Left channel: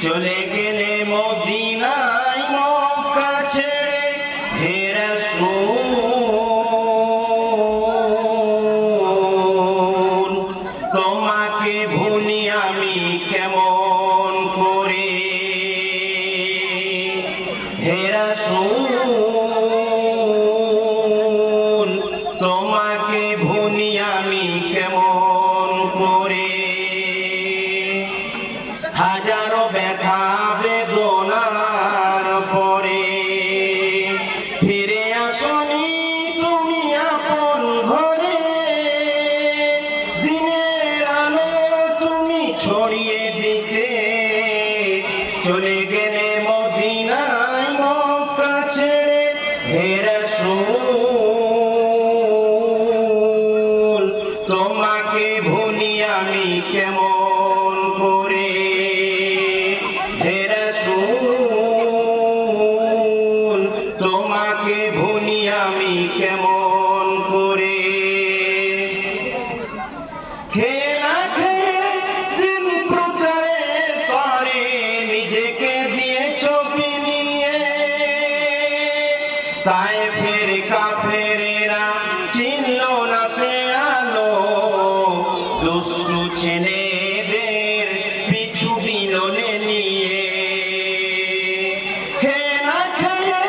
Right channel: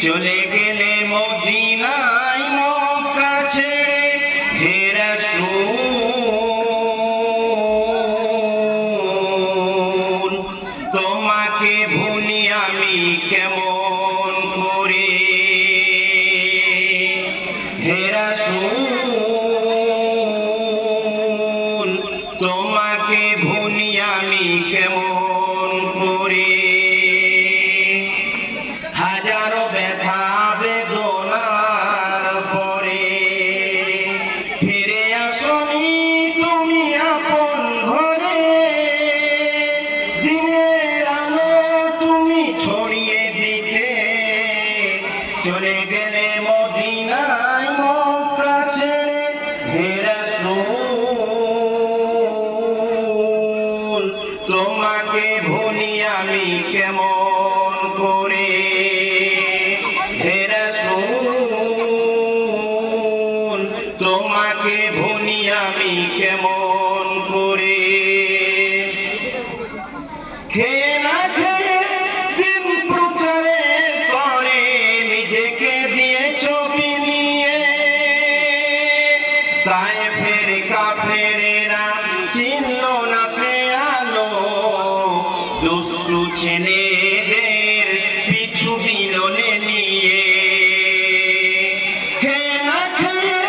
চলে গেলে মদিনায় মক্কা ছেড়ে হে রাসূল তোমাকে ভুলি আমি কেমন করে? হে রাসূল তোমাকে ভুলি আমি কেমন চলে গেলে মদিনায় মক্কা ছেড়ে হে রাসূল। তোমাকে ভুলি আমি কেমন করে? হে রাসূল, তোমাকে ভুলি আমি কেমন তাই ফের কাফেরেরা চিনল না সে আলো। দুষ্টু ছেলেদের পিছু বিনলে নিয়ে। না খেয়ে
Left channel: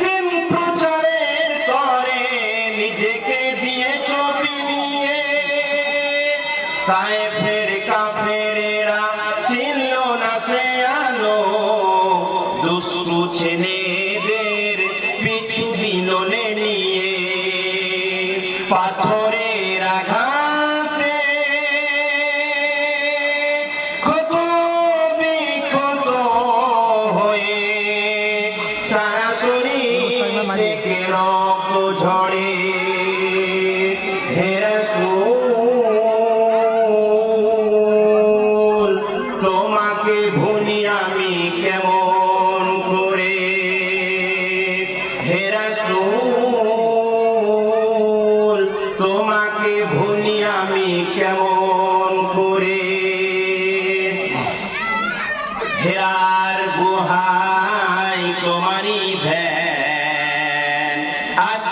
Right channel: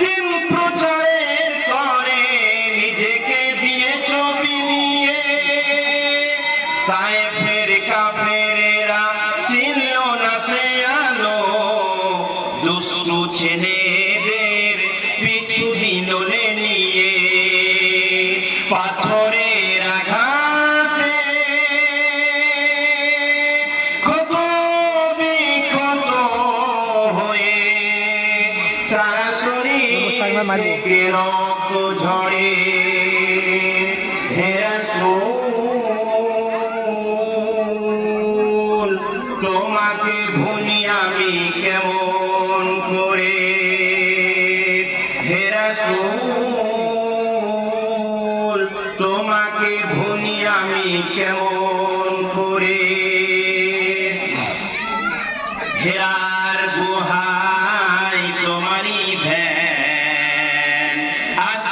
দিন প্রচারের করে নিজেকে দিয়ে ছবি নিয়ে। তাই ফের কাফেরেরা চিনল না সে আলো। দুষ্টু ছেলেদের পাথরের আঘাতে। ক্ষত বিক্ষত হয়ে সারা শরীর থেকে রক্ত ঝরে।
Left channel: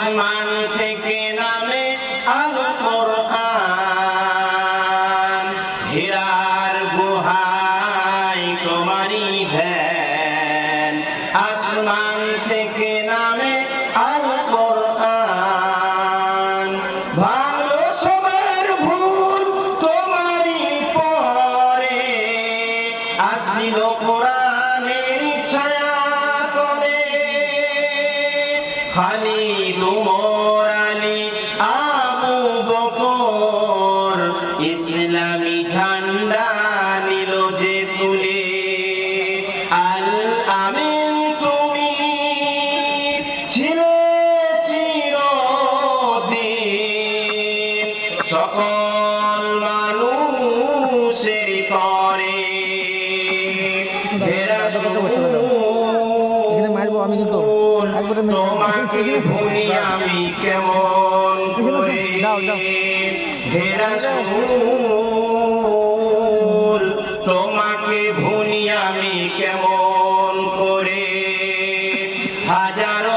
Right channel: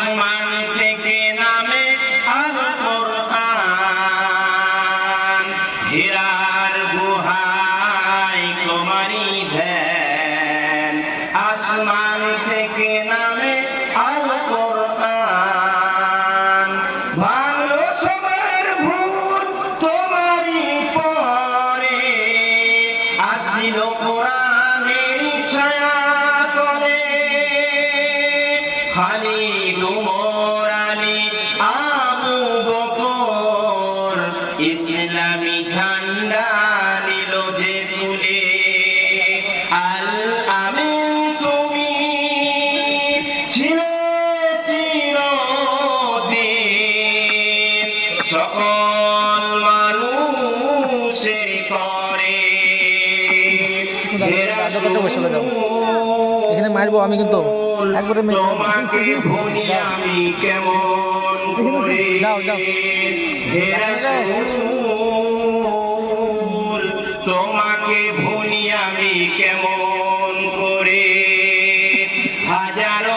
আসমান থেকে নামে আল কোরআন হেরার গুহায় তোমারই ভ্যান আসমান থেকে নামে আল কোরআন ভালো সবার ভুল তোমারই পরে। আসিল কোরআনের খালি উমর আলী আবু বকর। ইসলামী ঝান্ডা নিল যে তুলে আল আমিন তুমি ছিলে চিরদিন। সকল মানুষের করে এখানে মারবো আমি কিন্তু। তোমাকে ভুলি আমি কেমন করে? হেরা। তোমাকে ভুলি আমি কেমন করে? হাজারো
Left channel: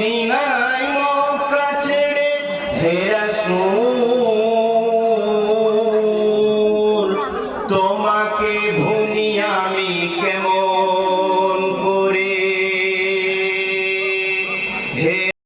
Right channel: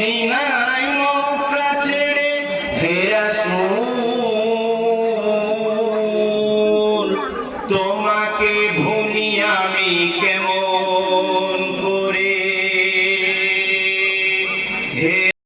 মদিনায় মক্কা ছেড়ে হে রাসূল তোমাকে ভুলি আমি কেমন